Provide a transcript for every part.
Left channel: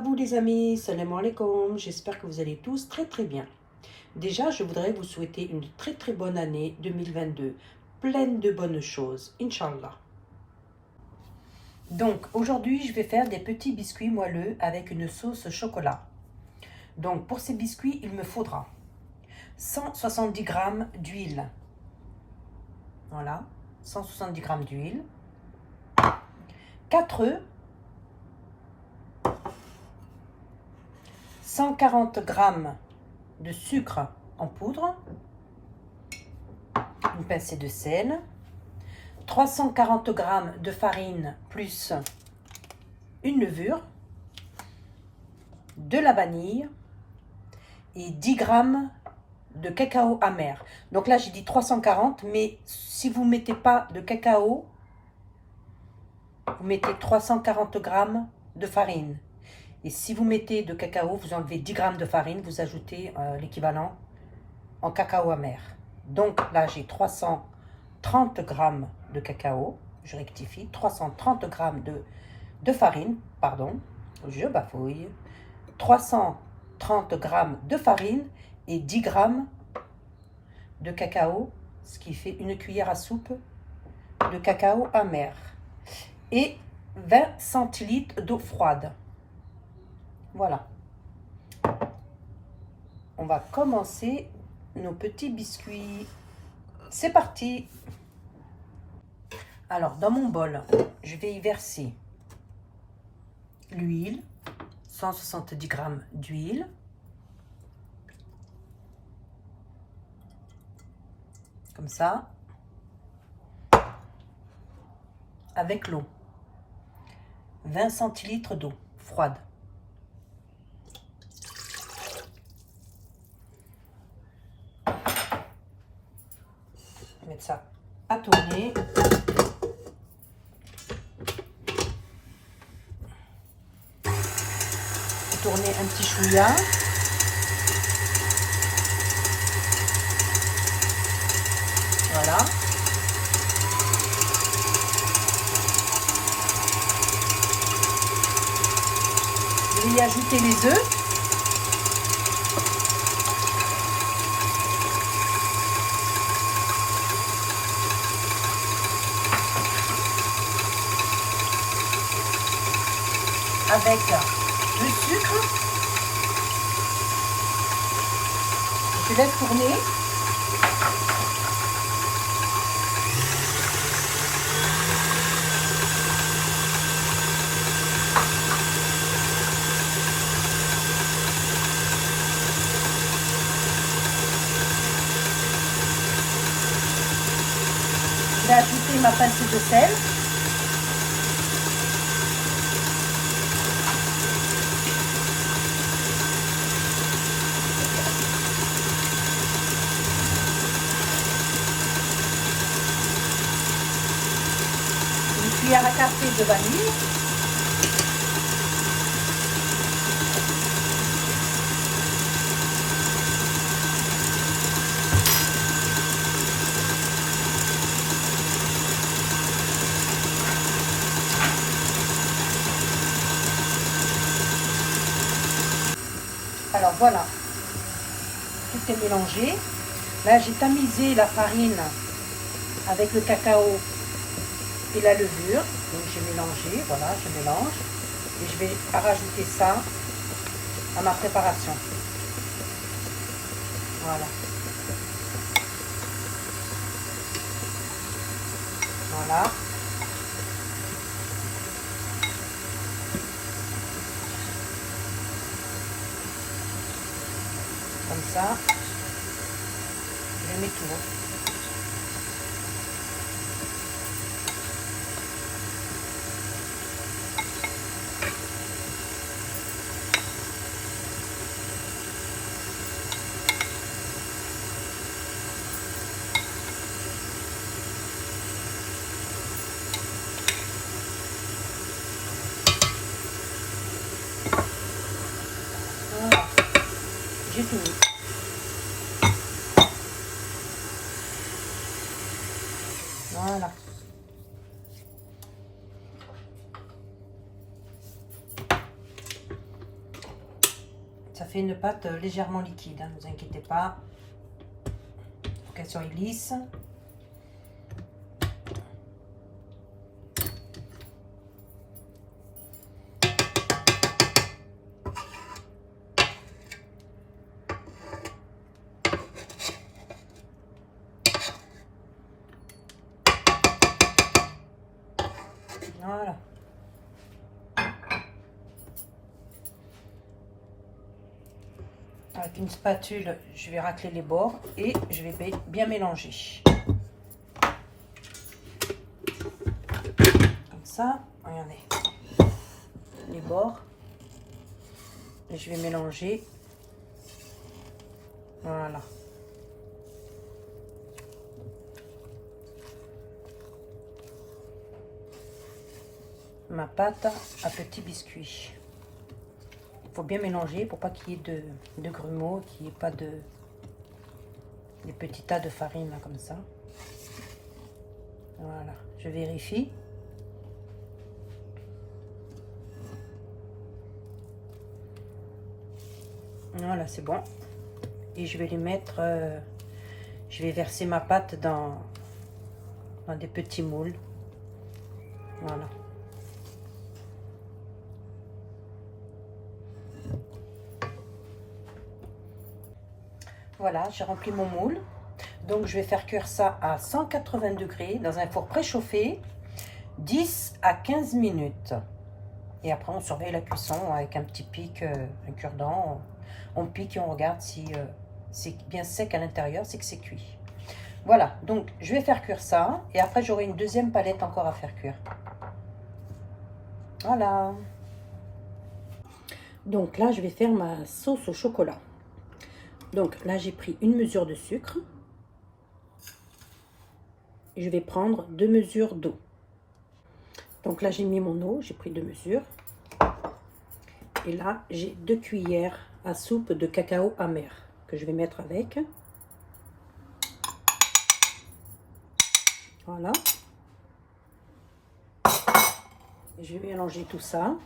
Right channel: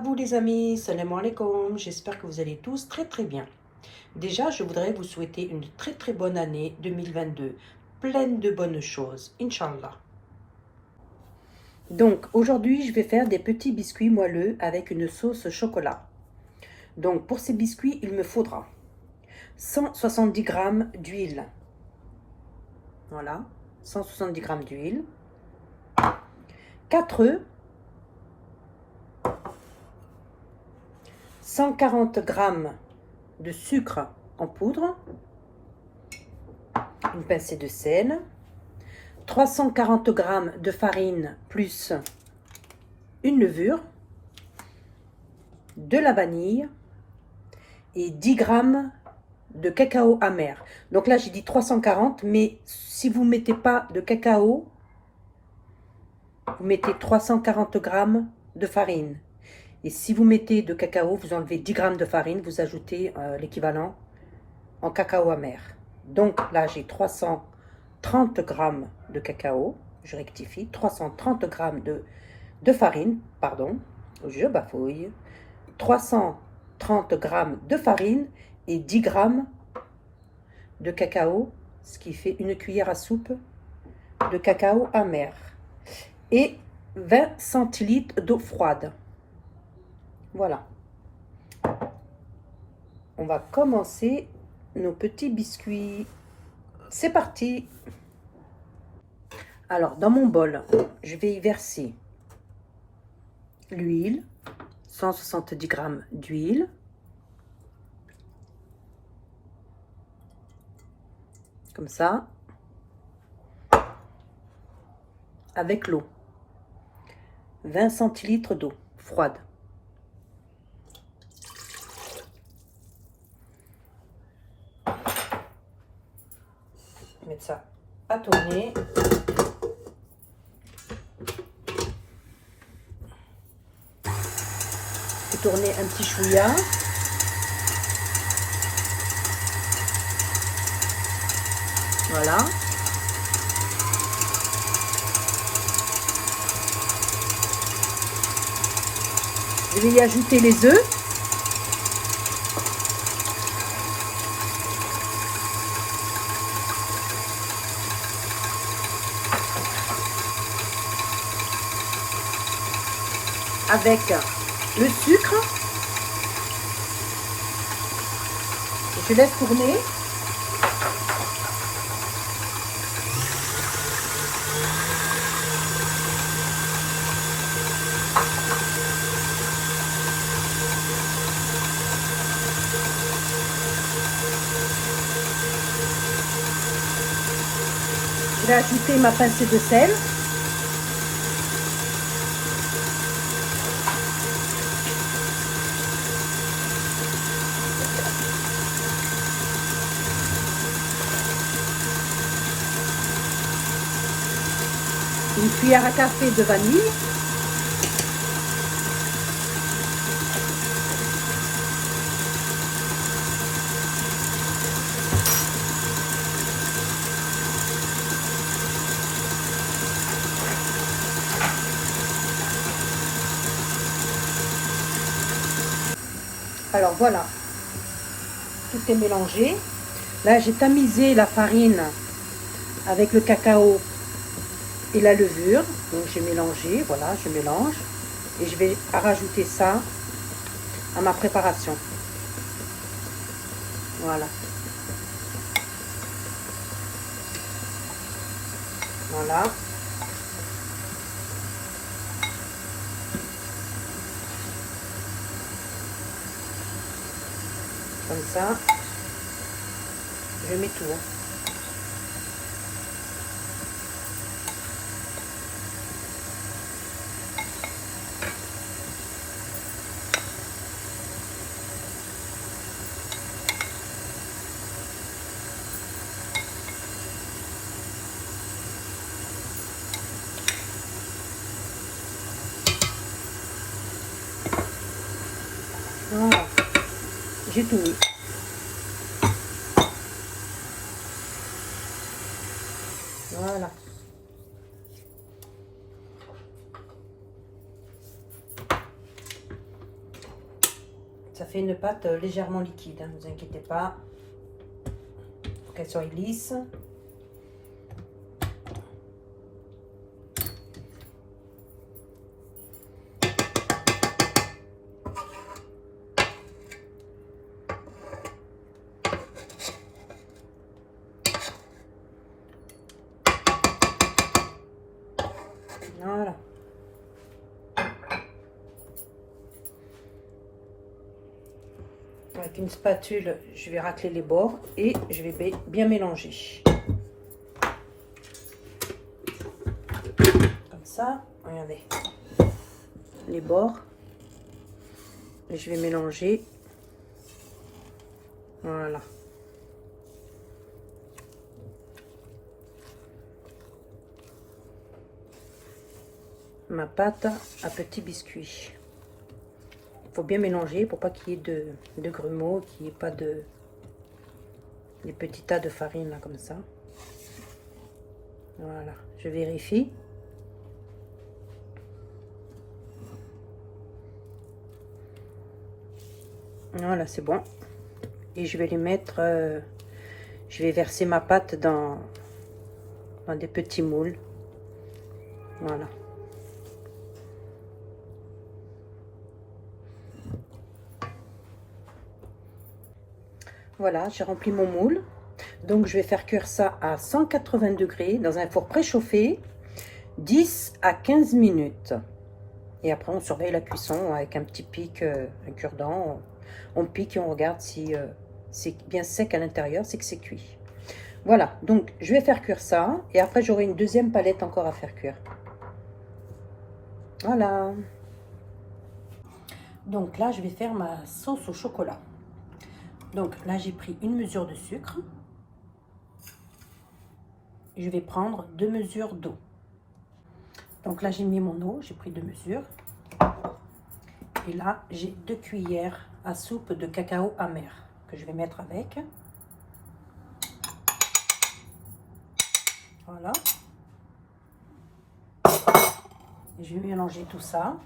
vous les amis, salam alaikum, j'espère que vous allez tous très bien. Déjà, je voudrais vous souhaiter une très bonne année 2022, pleine de bonnes choses, Inch'Allah. Donc, aujourd'hui, je vais faire des petits biscuits moelleux avec une sauce chocolat. Donc, pour ces biscuits, il me faudra 170 g d'huile. Voilà, 170 g d'huile, 4 œufs, 140 g de sucre en poudre, une pincée de sel, 340 g de farine plus une levure, de la vanille et 10 g de cacao amer. Donc là j'ai dit 340, mais si vous ne mettez pas de cacao, vous mettez 340 g de farine. Et si vous mettez de cacao, vous enlevez 10 g de farine, vous ajoutez l'équivalent en cacao amer. Donc là, j'ai 330 g de cacao, je rectifie, 330 g de farine, pardon, je bafouille, 330 g de farine et 10 g de cacao, ce qui fait une cuillère à soupe de cacao amer. Et 20 centilitres d'eau froide. Voilà. On va commencer nos petits biscuits. C'est parti. Alors, dans mon bol, je vais y verser l'huile, 170 g d'huile, comme ça, avec l'eau, 20 centilitres d'eau froide. Mettre ça à tourner. Tourner un petit chouïa. Voilà. Je vais y ajouter les œufs. Avec le sucre. Je laisse tourner. Je vais ajouter ma pincée de sel. Une cuillère à café de vanille. Alors voilà, tout est mélangé. Là j'ai tamisé la farine avec le cacao et la levure. Donc j'ai mélangé, voilà, je mélange. Et je vais rajouter ça à ma préparation. Voilà. Voilà. Comme ça, je mets tout. Voilà, j'ai tout mis. Voilà. Ça fait une pâte légèrement liquide, hein, ne vous inquiétez pas. Il faut qu'elle soit lisse. Voilà. Avec une spatule, je vais racler les bords et je vais bien mélanger. Comme ça, regardez les bords. Et je vais mélanger. Voilà. Ma pâte à petits biscuits. Il faut bien mélanger pour pas qu'il y ait de grumeaux, qu'il n'y ait pas des petits tas de farine là comme ça. Voilà, je vérifie. Voilà, c'est bon. Et je vais les mettre, je vais verser ma pâte dans des petits moules. Voilà. Voilà, j'ai rempli mon moule. Donc je vais faire cuire ça à 180 degrés dans un four préchauffé, 10 à 15 minutes. Et après on surveille la cuisson avec un petit pic, un cure-dent. On pique et on regarde si c'est bien sec à l'intérieur, c'est que c'est cuit. Voilà, donc je vais faire cuire ça. Et après j'aurai une deuxième palette encore à faire cuire. Voilà. Donc là je vais faire ma sauce au chocolat. Donc là j'ai pris une mesure de sucre. Je vais prendre 2 mesures d'eau. Donc là j'ai mis mon eau, j'ai pris 2 mesures. Et là j'ai 2 cuillères à soupe de cacao amer que je vais mettre avec. Voilà. Je vais mélanger tout ça.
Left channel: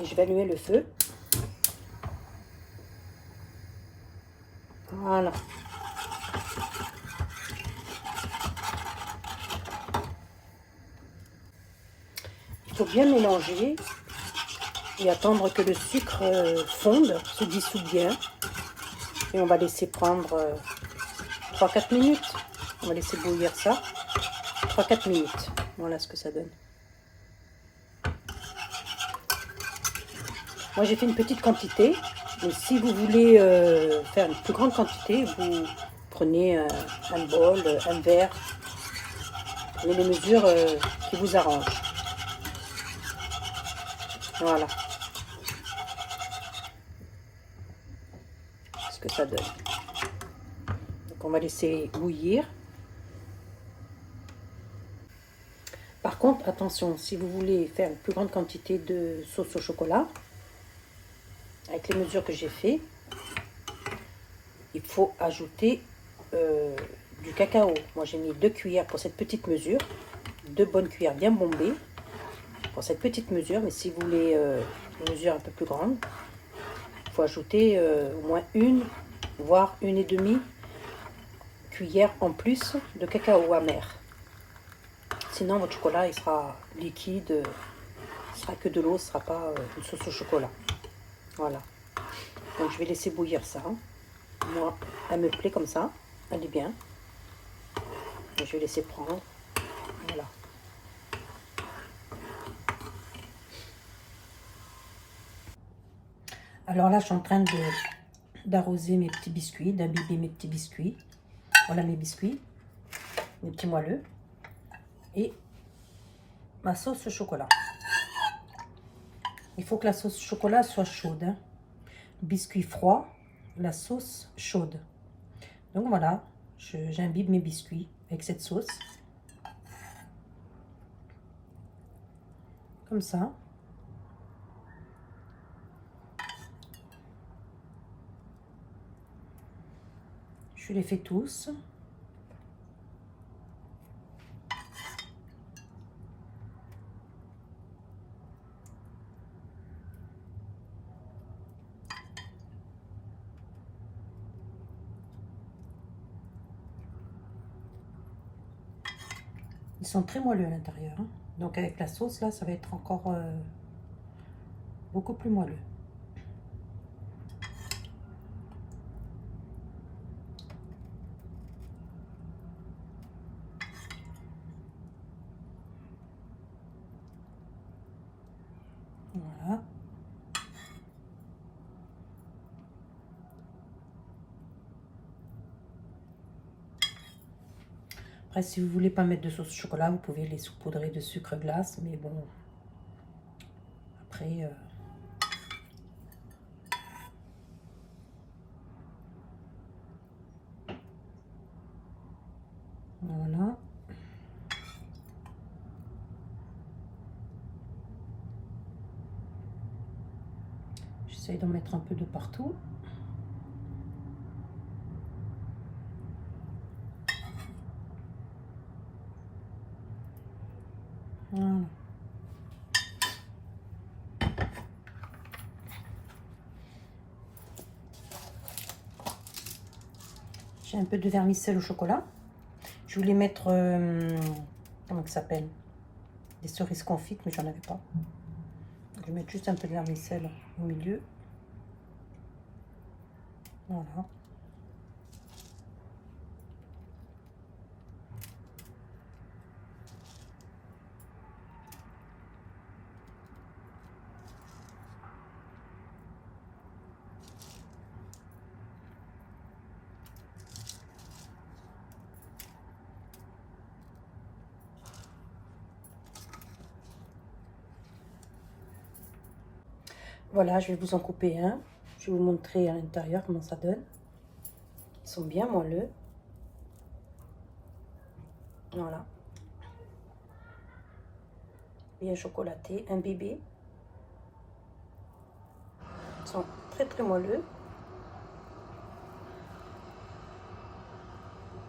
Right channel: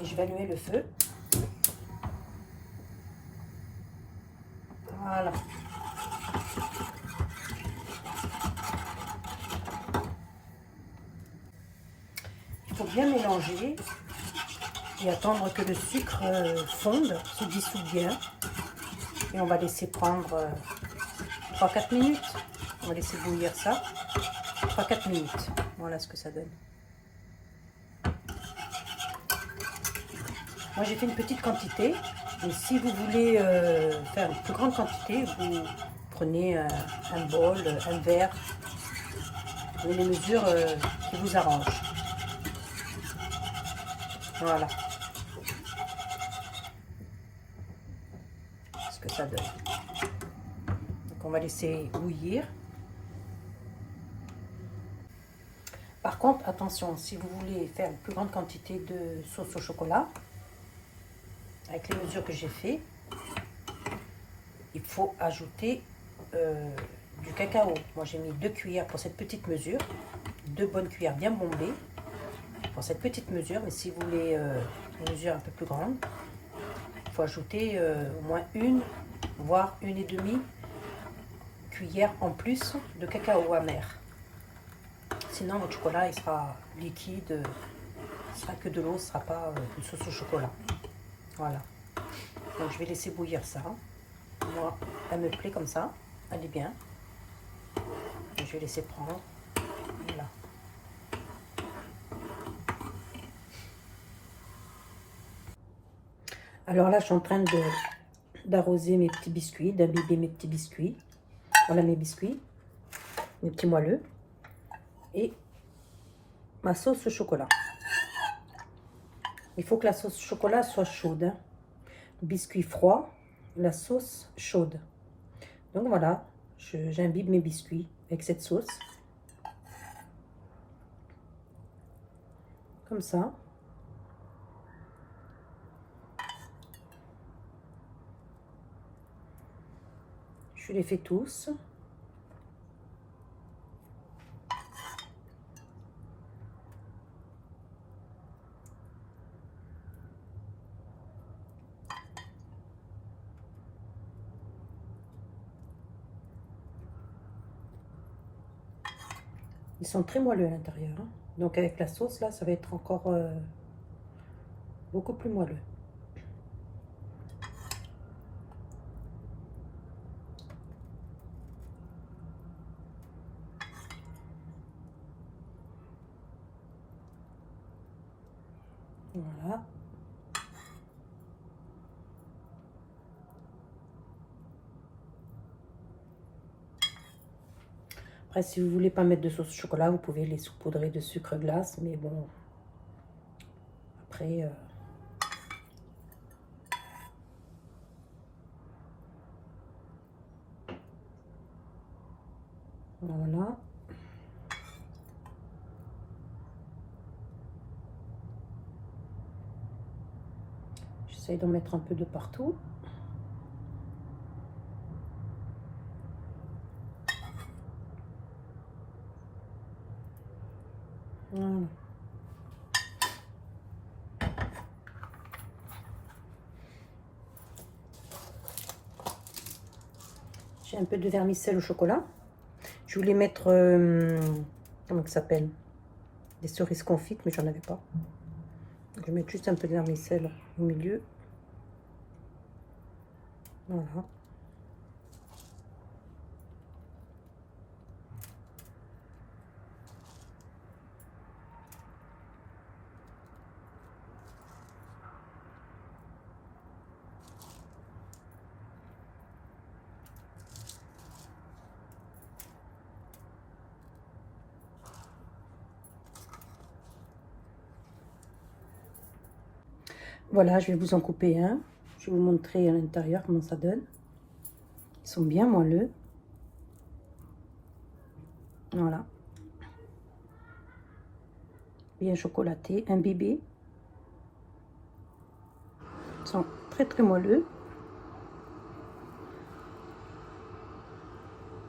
Et je vais allumer le feu. Voilà. Il faut bien mélanger et attendre que le sucre fonde, se dissout bien. Et on va laisser prendre 3-4 minutes. On va laisser bouillir ça. 3-4 minutes. Voilà ce que ça donne. Moi j'ai fait une petite quantité. Mais si vous voulez faire une plus grande quantité, vous prenez un bol, un verre. Prenez les mesures qui vous arrangent. Voilà. Ce que ça donne. Donc on va laisser bouillir. Par contre, attention, si vous voulez faire une plus grande quantité de sauce au chocolat, avec les mesures que j'ai fait, il faut ajouter du cacao. Moi j'ai mis 2 cuillères pour cette petite mesure, 2 bonnes cuillères bien bombées pour cette petite mesure, mais si vous voulez une mesure un peu plus grande, il faut ajouter au moins 1, voire 1,5 cuillère en plus de cacao amer. Sinon votre chocolat il sera liquide, ce sera que de l'eau, ce ne sera pas une sauce au chocolat. Voilà. Donc je vais laisser bouillir ça. Moi, elle me plaît comme ça, elle est bien. Et je vais laisser prendre. Voilà. Alors là, je suis en train d'arroser mes petits biscuits, d'imbiber mes petits biscuits. Voilà mes biscuits, mes petits moelleux. Et ma sauce au chocolat. Il faut que la sauce au chocolat soit chaude. Hein. Biscuit froid, la sauce chaude. Donc voilà, j'imbibe mes biscuits avec cette sauce. Comme ça. Je les fais tous. Ils sont très moelleux à l'intérieur. Hein. Donc avec la sauce, là, ça va être encore beaucoup plus moelleux. Voilà. Après, si vous voulez pas mettre de sauce au chocolat, vous pouvez les saupoudrer de sucre glace. Mais bon, après... Voilà. J'essaie d'en mettre un peu de partout. Voilà. J'ai un peu de vermicelle au chocolat. Je voulais mettre, comment ça s'appelle? Des cerises confites, mais j'en avais pas. Donc, je vais mettre juste un peu de vermicelle au milieu. Voilà. Voilà, je vais vous en couper un. Je vais vous montrer à l'intérieur comment ça donne. Ils sont bien moelleux. Voilà. Bien chocolaté, imbibé. Ils sont très très moelleux.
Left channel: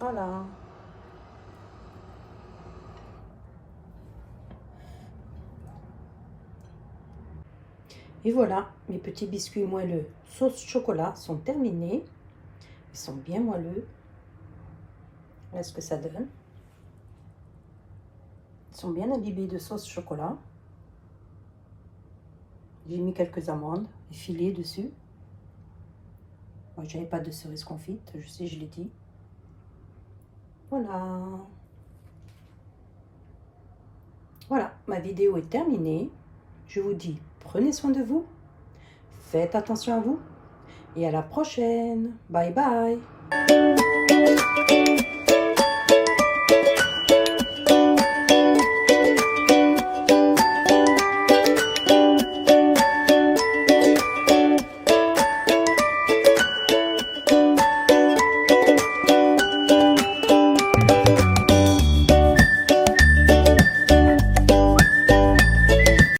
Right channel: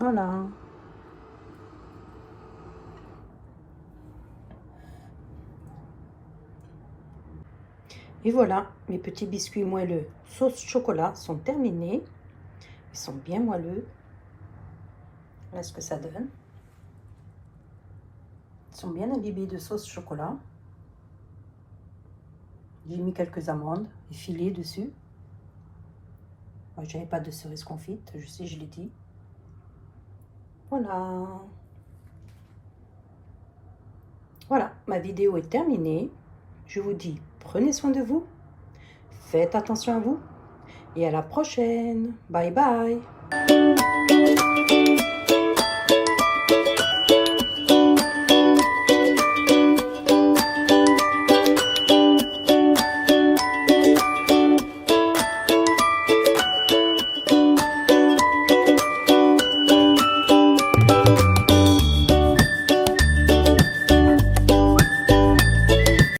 Voilà. Et voilà, mes petits biscuits moelleux sauce chocolat sont terminés. Ils sont bien moelleux. Voilà ce que ça donne. Ils sont bien imbibés de sauce chocolat. J'ai mis quelques amandes effilées dessus. Moi, je n'avais pas de cerises confites, je sais, je l'ai dit. Voilà. Voilà, ma vidéo est terminée. Je vous dis, prenez soin de vous. Faites attention à vous. Et à la prochaine. Bye bye.